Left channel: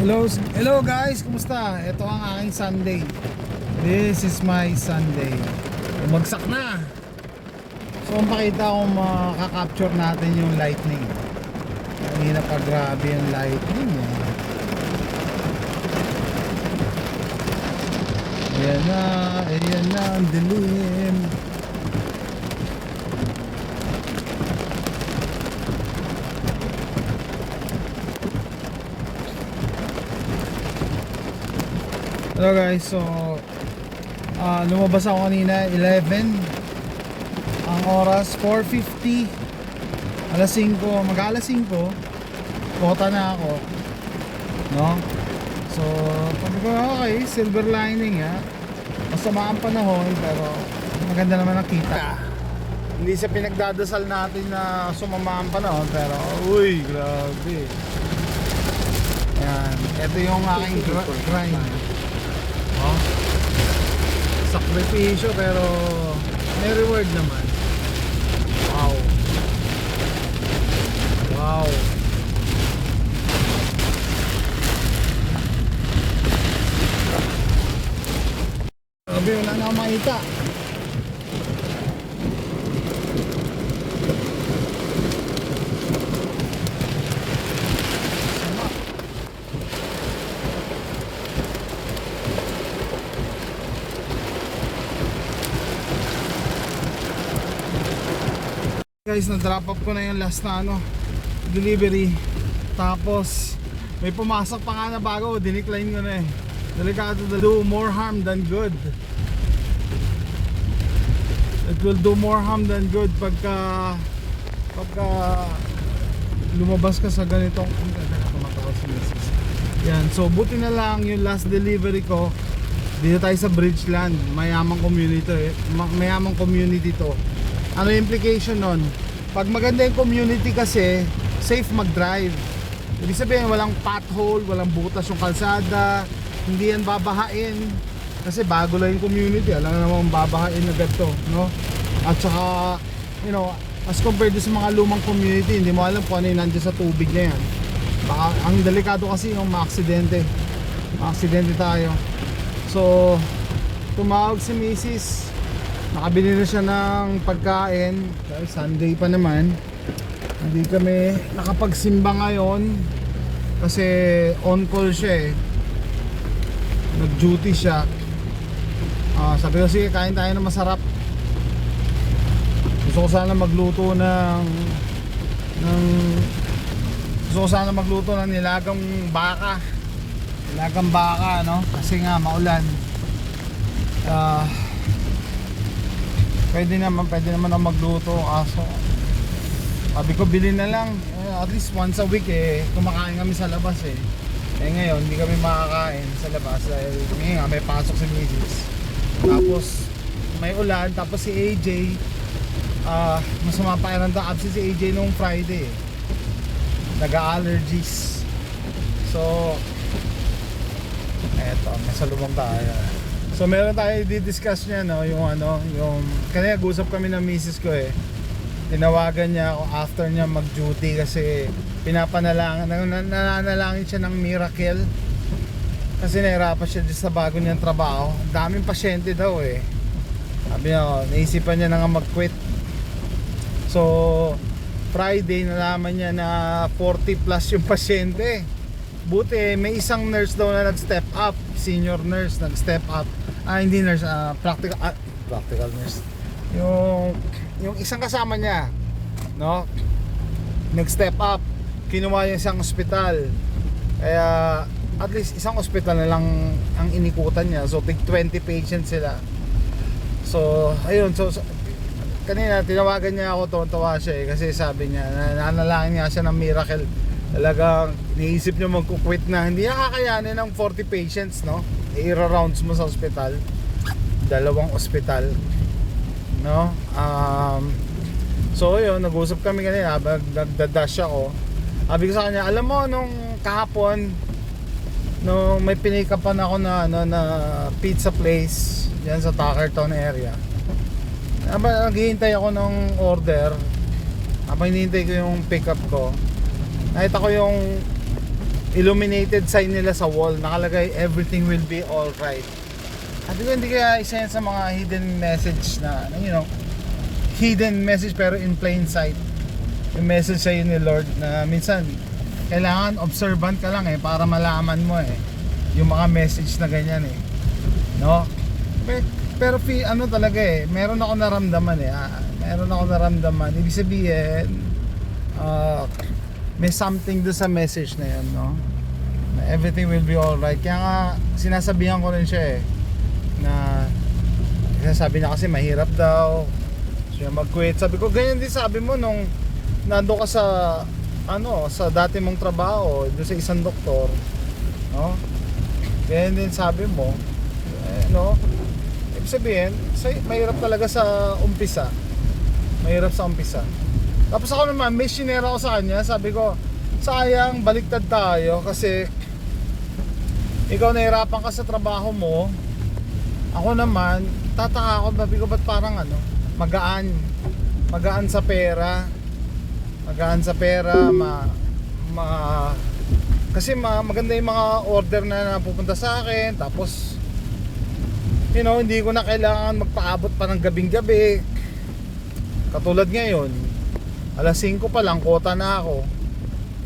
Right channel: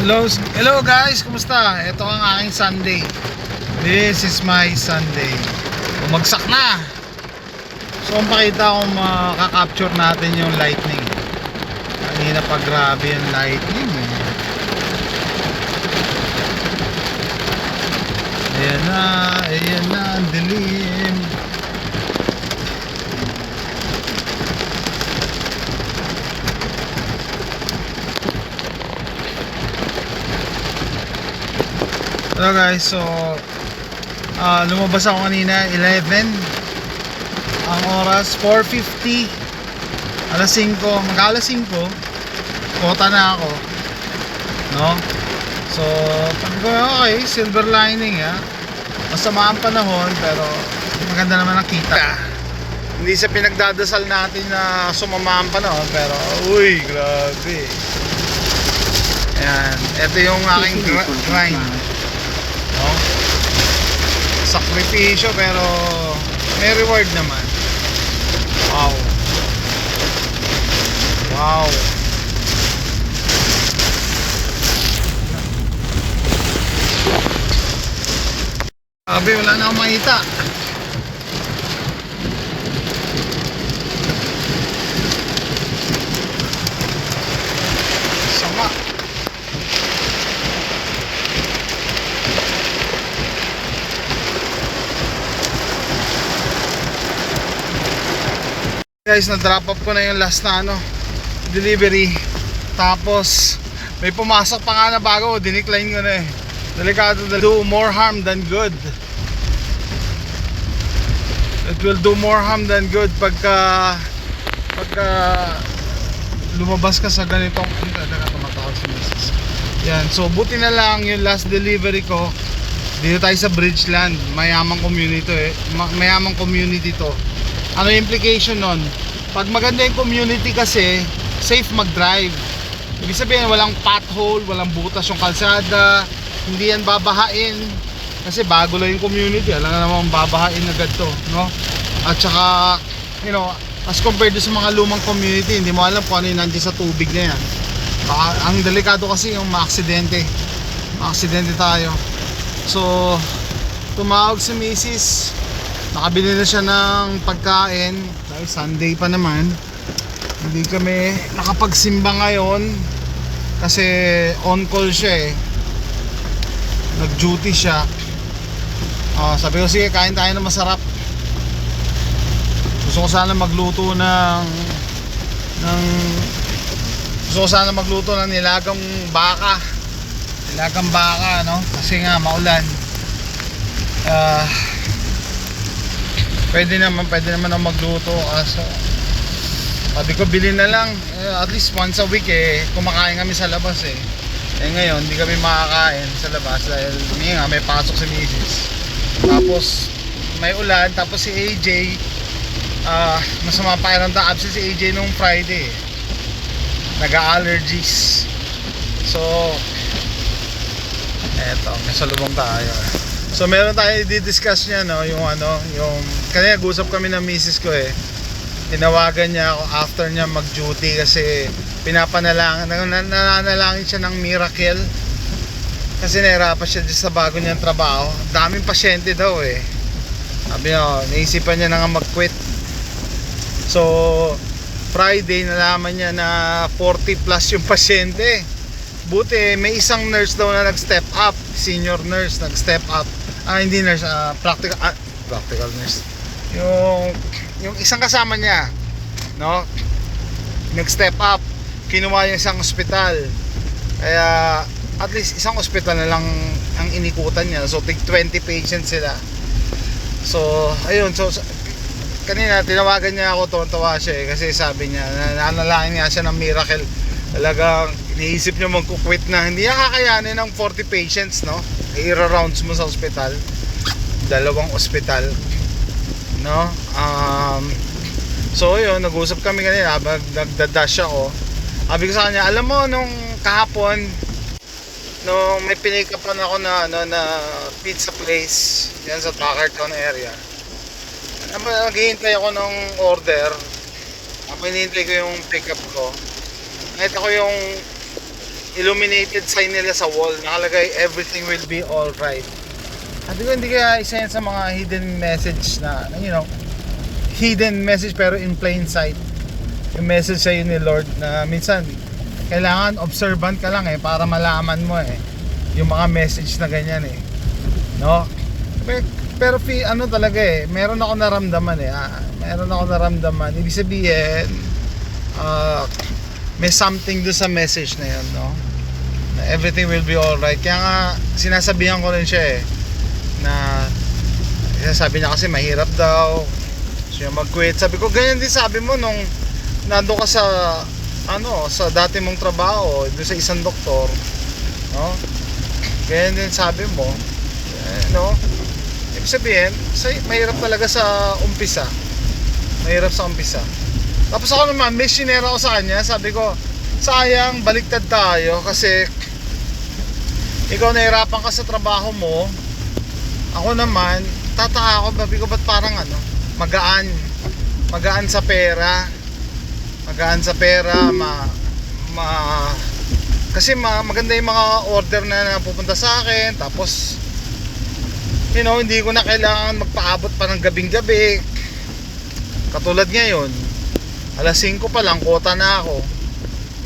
Hello guys, kumusta? Ito ang aking Sunday. This is my Sunday. Bumagsak na. So kung pakita kung makaka-capture natin yung lightning. Kanina pa grabe yung lightning eh. Ayan na, ang dilim. Hello guys, so lumabas ako kanina 11. Ang oras 4:50. Alas 5, mag-alas 5. Kota na ako. No? So, pag okay, silver lining ha. Masama ang panahon pero maganda naman ang kita. Hindi sa pinagdadasal natin na sumama ang panahon pero uy, grabe. Ayan, ito yung aking grind. No? Sakripisyo pero may reward naman. Wow. Wow. Sabi wala na akong makita. Sama. Guys, na-drop up ko na yung last na delivery. Tapos may pumasok pa nga na bago, dinicline ko na eh. Delikado, do more harm than good. It will do more harm than good pagka lumabas ka sa ganitong tumatawag si Mrs. Yan, so buti na lang yung last delivery ko dito tayo sa Bridgeland. Mayamang community mayamang community to. Ano yung implication nun? Pag maganda yung community kasi, safe mag-drive. Ibig sabihin, walang pothole, walang butas yung kalsada, hindi yan babahain. Kasi bago lang yung community, alam na naman babahain agad to, no? At saka, you know, as compared to sa mga lumang community, hindi mo alam kung ano yung nandiyan sa tubig na yan. Baka, ang delikado kasi yung maaksidente. Maaksidente tayo. So, tumawag si Mrs. Nakabili na siya ng pagkain dahil Sunday pa naman. Hindi kami nakapagsimba ngayon kasi on call siya eh. Nag-duty siya. Sabi ko sige, kain tayo ng masarap. Gusto ko sana magluto ng nilagang baka. Nilagang baka, no? Kasi nga maulan. Pwede naman ako magluto kaso sabi ko bilhin na lang at least once a week eh kumakain kami sa labas eh ngayon hindi kami makakain sa labas dahil may pasok si Mrs. Tapos may ulan, tapos si AJ masama pa rin absent si AJ nung Friday nag-allergies. So eto, may salubong tayo. So meron tayo di-discuss niya yung kanina nag-usap kami ng misis ko eh. Tinawagan niya ako after niya mag-duty kasi nananalangin siya ng miracle. Kasi nahirapan siya sa bago niyang trabaho. Daming pasyente daw eh. Sabi niya, naisipan niya na nga mag-quit. So Friday nalaman niya na 40 plus yung pasyente. Buti may isang nurse daw na nag-step up, senior nurse nag-step up. Hindi nurse, practical nurse. Yung isang kasama niya, no? Nag-step up, kinuha yung isang ospital. Kaya at least isang ospital na lang ang inikutan niya. So tig 20 patients sila. So ayun, so kanina tinawagan niya ako, tuwan-tuwa siya eh, kasi sabi niya nananalangin nga siya ng miracle. Talagang iniisip niya magkukwit na hindi niya kakayanin ng 40 patients, no? I-rounds mo sa ospital, 2 ospital, no? So yun, nag-usap kami kanina, nagdadash ako. Sabi ko sa kanya, alam mo nung kahapon nung may pinick upan ako na pizza place yan sa Tuckerton area, naghihintay ako ng order. Habang hinihintay ko yung pick up ko, nakita ko yung illuminated sign nila sa wall, nakalagay everything will be alright. Sabi ko, hindi kaya isa yan sa mga hidden message na, you know, hidden message pero in plain sight. Yung message sa'yo ni Lord na minsan kailangan observant ka lang para malaman mo yung mga message na ganyan no? Pero ano talaga meron ako naramdaman meron ako naramdaman, ibig sabihin may something do sa message na yun, no? Na everything will be alright. Kaya nga sinasabihan ko rin siya na sabi niya kasi mahirap daw siya mag-quit. Sabi ko ganyan din sabi mo nung nando ka sa sa dati mong trabaho doon sa isang doktor, no? Ganyan din sabi mo, no? Ibig sabihin, mahirap talaga sa umpisa. Mahirap sa umpisa. Tapos ako naman, may sinera ko sa kanya, sabi ko, sayang, baliktad tayo kasi ikaw nahirapan ka sa trabaho mo. Ako naman, tataka ako, sabi ko, ba't parang magaan sa pera. Magaan sa pera, kasi maganda yung mga order na napupunta sa akin. Tapos, you know, hindi ko na kailangan magpaabot pa ng gabing-gabi. Katulad ngayon, alas 5 pa lang, kota na ako.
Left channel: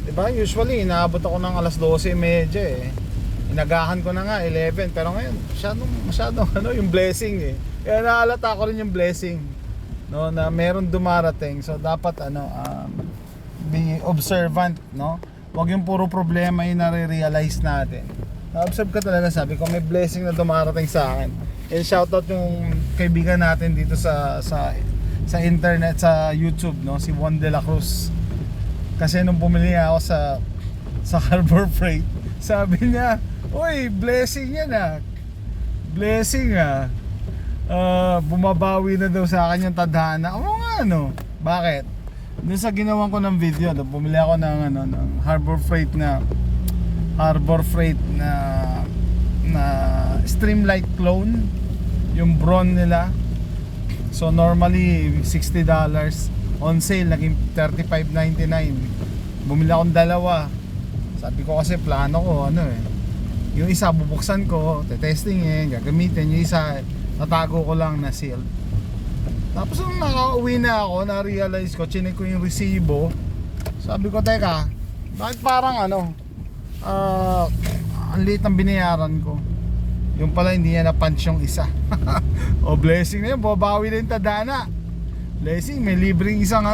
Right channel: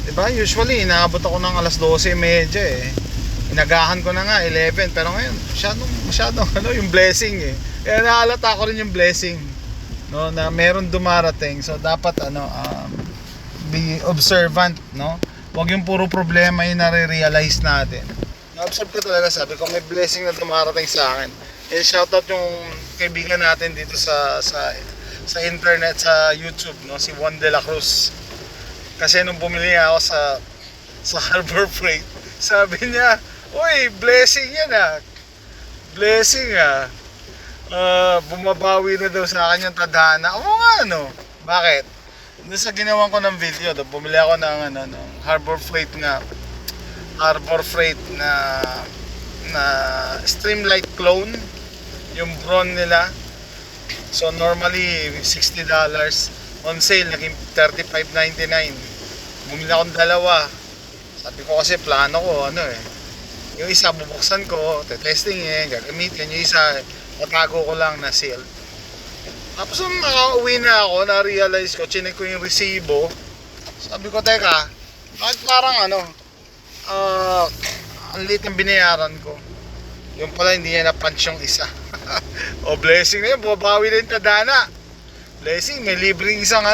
Diba? Usually, inaabot ako ng alas 12:30 Inagahan ko na nga, 11. Pero ngayon, masyadong yung blessing Kaya nahalata ko rin yung blessing, no, na meron dumarating. So, dapat, be observant, no? Huwag yung puro problema yung nare-realize natin. Na-observe ko talaga, sabi ko, may blessing na dumarating sa akin. Shoutout yung kaibigan natin dito sa internet, sa YouTube, no, si Juan de la Cruz. Kasi nung bumili ako sa Harbor Freight, sabi niya, uy, blessing yan blessing bumabawi na daw sa akin yung tadhana. Oo nga, bakit? Doon sa ginawan ko ng video, bumili ako ng Harbor Freight na Streamlight clone, yung Braun nila. So normally $60, on sale naging $35.99. Bumili ako ng dalawa. Sabi ko kasi plano ko yung isa bubuksan ko, testingin, gagamitin. Yung isa tatago ko lang na sealed. Tapos nung nakauwi na ako, na-realize ko, chinek ko yung resibo. Sabi ko, teka, bakit parang ang liit ng binayaran ko. Yung pala hindi niya na-punch yung isa. O blessing na yun, babawi na yung tadhana. Blessing, may libreng isang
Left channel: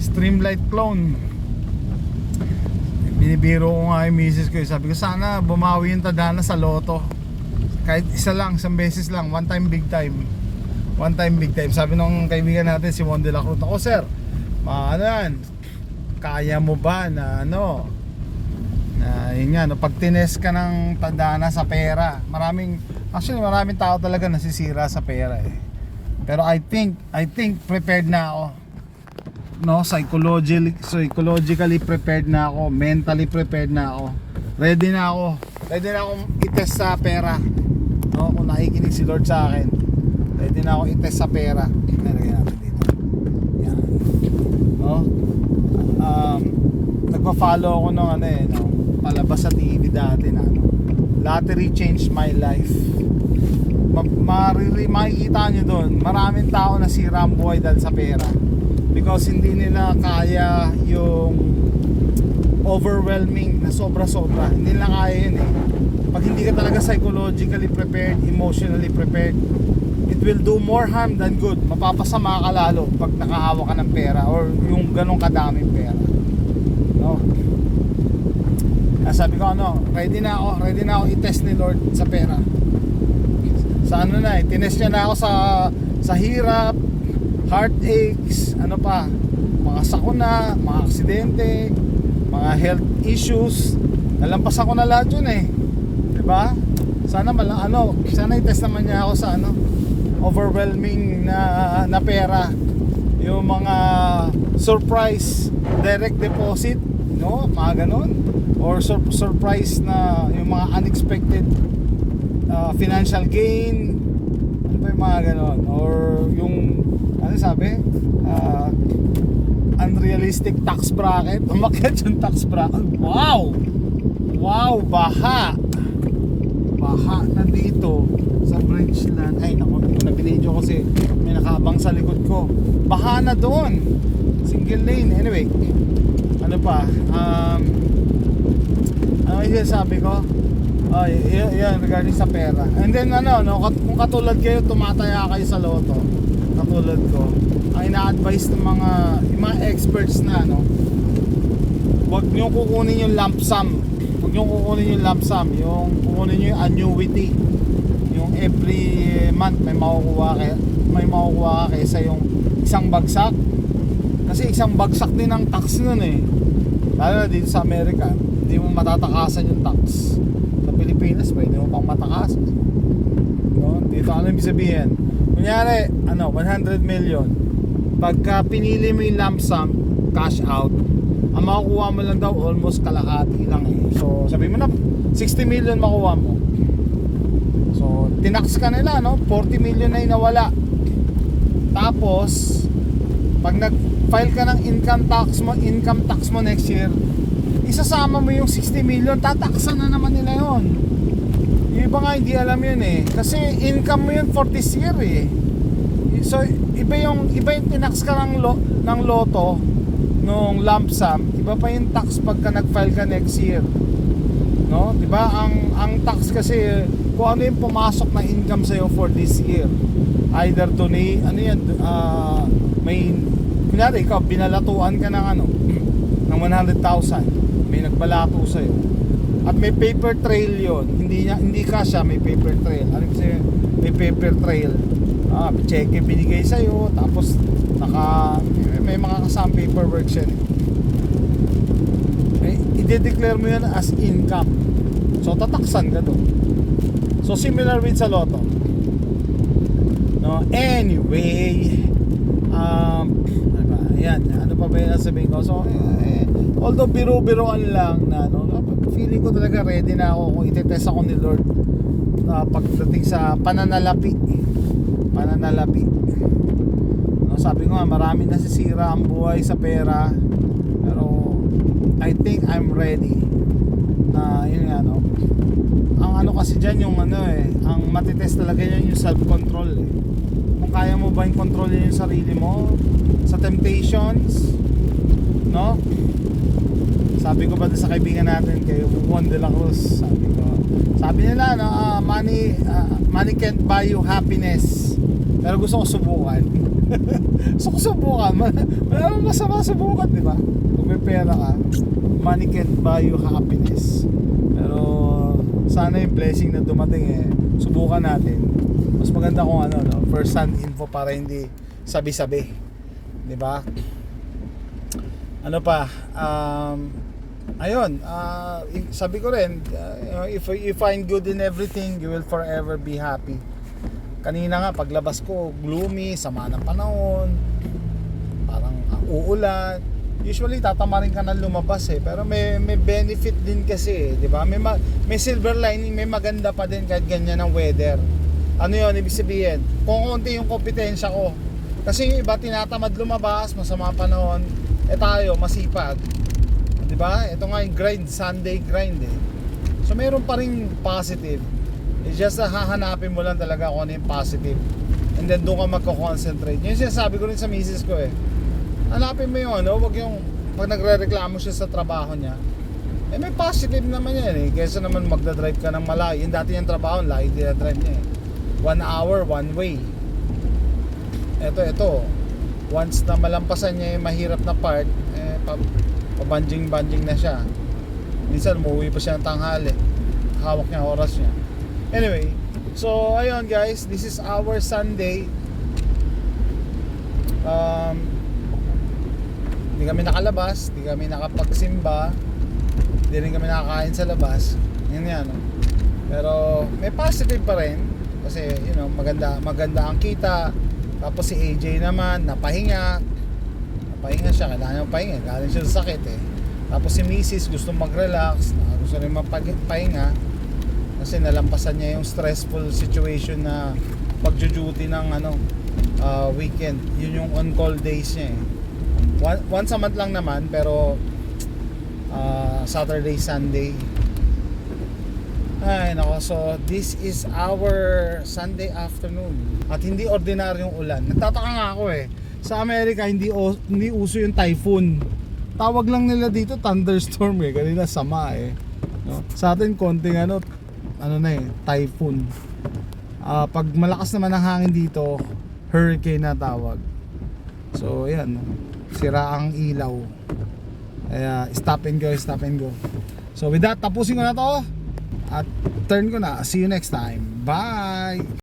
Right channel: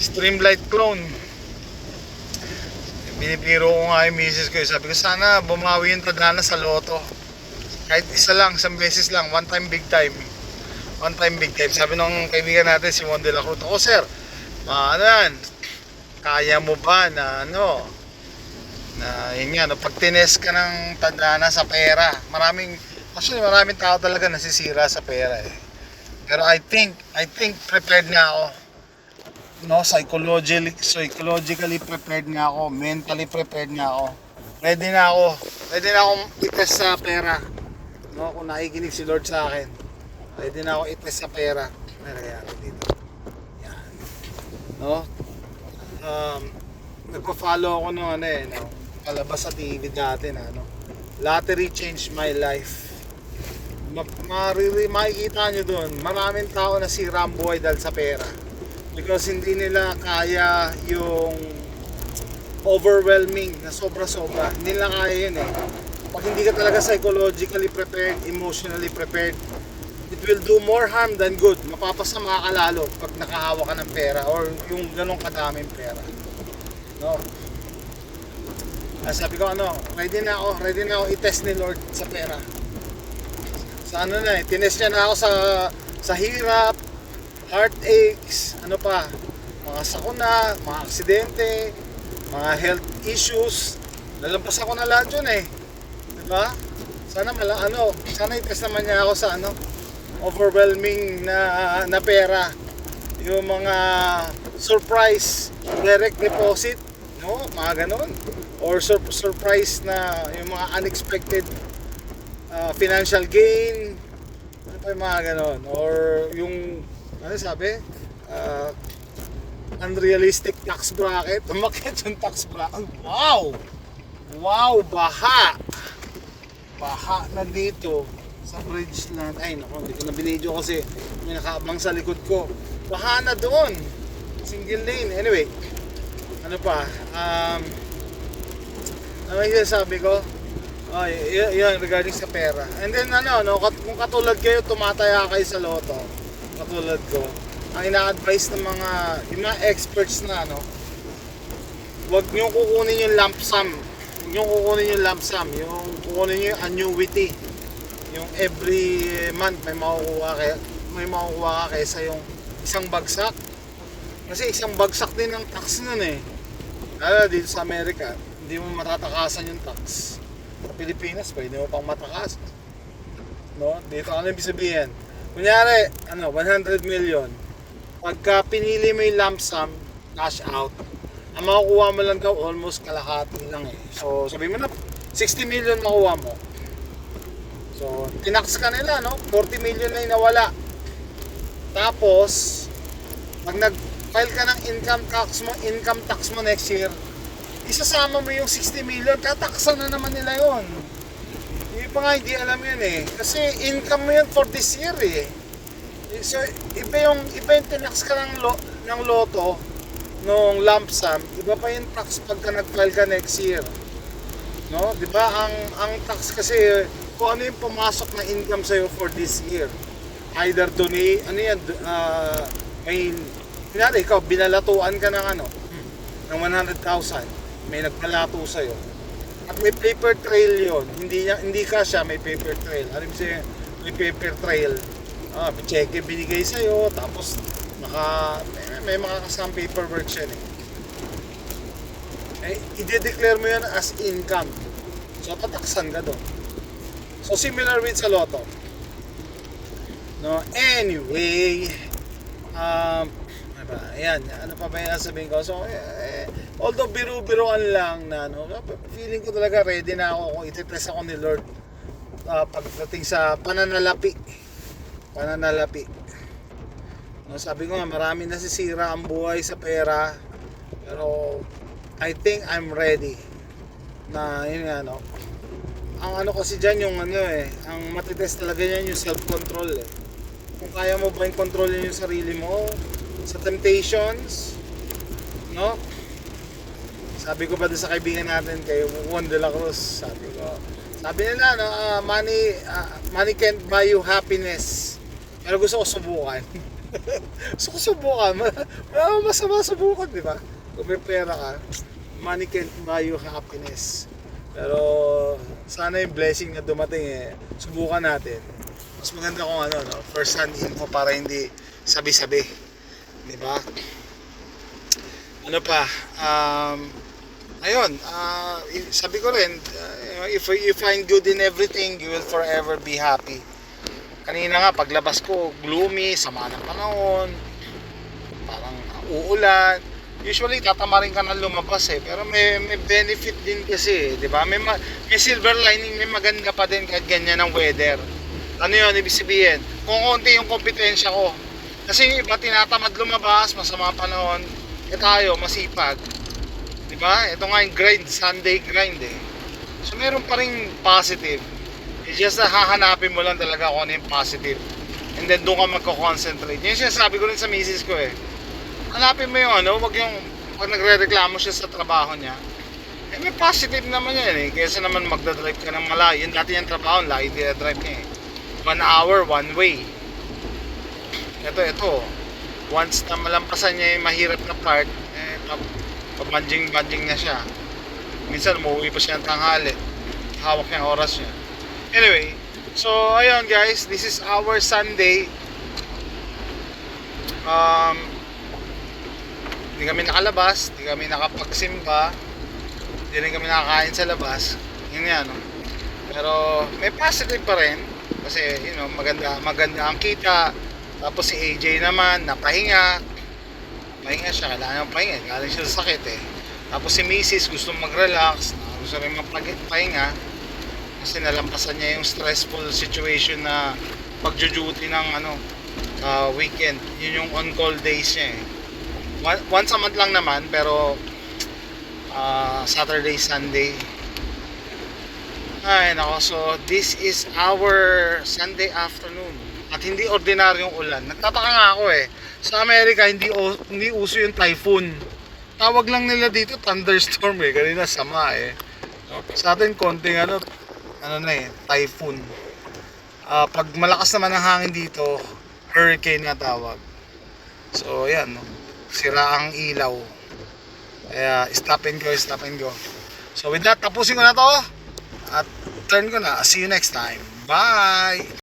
Streamlight clone. Binibiro ko nga yung misis ko, sabi ko sana bumawi yung tadhana sa loto. Kahit isa lang, isang beses lang, one time big time. Sabi nung kaibigan natin si Juan de la Cruz, ako sir, kaya mo ba na yun nga, pag tines ka ng tadhana sa pera, maraming tao talaga nasisira sa pera Pero I think prepared na ako, no? Psychologically prepared na ako, mentally prepared na ako. Ready na akong itest sa pera. No, kung nakikinig si Lord sa akin, ready na ako itest sa pera. Nalagyan natin dito. Yan. No? Nagpa-follow ako ng palabas sa TV dati na Lottery Changed My Life. Makikita nyo doon, maraming tao na sira ang buhay dahil sa pera. Because hindi nila kaya yung overwhelming na sobra-sobra. Hindi nila kaya yun Pag hindi ka talaga psychologically prepared, emotionally prepared, it will do more harm than good. Mapapasama ka lalo pag nakahawa ka ng pera or yung ganong kadaming pera. No? Sabi ko ready na ako i-test ni Lord sa pera. Sa tinest niya na ako sa hirap, heartaches, mga sakuna, mga aksidente, mga health issues. Nalampas ako na lahat yun diba? Sana sana i-test naman niya ako sa overwhelming na pera. Yung mga surprise direct deposit, no? Mga ganon. Or surprise na yung mga unexpected financial gain. Ano pa yung mga ganon? Or yung sabi? unrealistic tax bracket. Umakyat yung tax bracket. Wow! Wow, baha! Baha na dito sa bridge na. Ay naku, hindi ko na binidyo kasi may nakaabang sa likod ko. Baha na doon. Single lane. Anyway, ano pa? Ano yung sabi ko? Yun, regarding sa pera. And then kung katulad kayo, tumataya kayo sa loto, katulad ko, ang ina-advise ng yung mga experts na huwag nyo kukunin yung lump sum. Huwag nyo kukunin yung lump sum. Yung kukunin nyo yung annuity. Yung every month may makukuha ka kaysa yung isang bagsak. Kasi isang bagsak din ang tax nun eh. Lalo dito sa Amerika, hindi mo matatakasan yung tax. Sa Pilipinas, pwede mo pang matakasan. No? Dito ano ibig sabihin? Kunyari, 100 million. Pagka pinili mo yung lump sum, cash out, ang makukuha mo lang daw almost kalahati lang eh. So, sabi mo na 60 million makuha mo. So, tinax ka nila, 40 million na inawala. Tapos, pag nag-file ka ng income tax mo next year, isasama mo yung 60 million, tataksan na naman nila yon. Yung iba nga hindi alam yun eh. Kasi income mo yun for this year eh. So, iba yung tinax ka ng loto, nung lump sum, iba pa yung tax pagka nag-file ka next year. No? Diba? Ang tax kasi, kung ano yung pumasok na income sa'yo for this year. Either may, kunyari ikaw, binalatuan ka ng ng 100,000. May nagbalato sa'yo at may paper trail yon, hindi ka siya may paper trail. Ano kasi may paper trail, cheque binigay sa'yo, tapos may mga kasama paperwork siya i-declare mo yun as income, so tataksan ka doon. So similar with sa loto, no? Anyway, ayan, ano pa ba yung sabihin ko? So although biro-biroan lang na feeling ko talaga ready na ako kung itetest ako ni Lord pagdating sa pananalapi. Sabi ko nga, marami nasisira ang buhay sa pera, pero I think I'm ready na yun nga ang kasi dyan yung ang matitest talaga yan yung self-control eh. Kung kaya mo ba yung kontrolin yung sarili mo sa temptations, no? Sabi ko ba sa kaibigan natin kay Juan de la Cruz, sabi nila money can't buy you happiness, pero gusto ko subukan. Wala masama subukan, di ba? Kung may pera ka, money can't buy you happiness, pero sana yung blessing na dumating subukan natin. Mas maganda kung first hand info para hindi sabi-sabi, di ba? Ano pa, ayun, sabi ko rin, if you find good in everything, you will forever be happy. Kanina nga paglabas ko, gloomy, sama ng panahon, parang uulan. Usually tatamarin ka na lumabas pero may benefit din kasi, 'di ba? May silver lining, may maganda pa din kahit ganyan ang weather. Ano 'yun, ibig sabihin, kung konti yung kompetensya ko. Kasi iba tinatamad lumabas, masama panahon, tayo masipag. 'Di ba? Ito nga yung grind, Sunday grind eh. So meron pa ring positive. It's just na hahanapin mo lang talaga kung ano yung positive. And then doon ka magko-concentrate. Yung sinasabi ko rin sa misis ko hanapin mo yung wag yung pag nagre-reklamo siya sa trabaho niya. May positive naman yan kaysa naman magdadrive ka ng malayo. Yung dati yung trabaho, layo dinadrive niya 1 hour, one way. Ito. Once na malampasan niya yung mahirap na part, pabanjing na siya. Minsan umuwi pa siya ng tanghali. Hawak niya ang oras niya. Anyway, so ayun guys, this is our Sunday. Hindi kami nakalabas, hindi kami nakapagsimba, hindi rin kami nakakain sa labas. Yun nga pero may positive pa rin kasi maganda ang kita. Tapos si AJ naman napahinga siya, kailangan ng pahinga, galing siya sa sakit Tapos si Mrs. gusto mag-relax, gusto rin magpahinga kasi nalampasan niya yung stressful situation na pagjo-duty ng weekend. Yun yung on-call days niya Once a month lang naman, pero Saturday, Sunday. Ay nako, so this is our Sunday afternoon. At hindi ordinaryong ulan. Nagtataka nga ako eh. Sa Amerika hindi uso yung typhoon. Tawag lang nila dito thunderstorm eh. Kanina sama eh. No? Sa atin konting ano na eh, typhoon. Pag malakas naman ang hangin dito, hurricane na tawag. So ayan, no? Sira ang ilaw. Kaya stop and go. So with that, tapusin ko na to. At turn ko na. See you next time. Bye!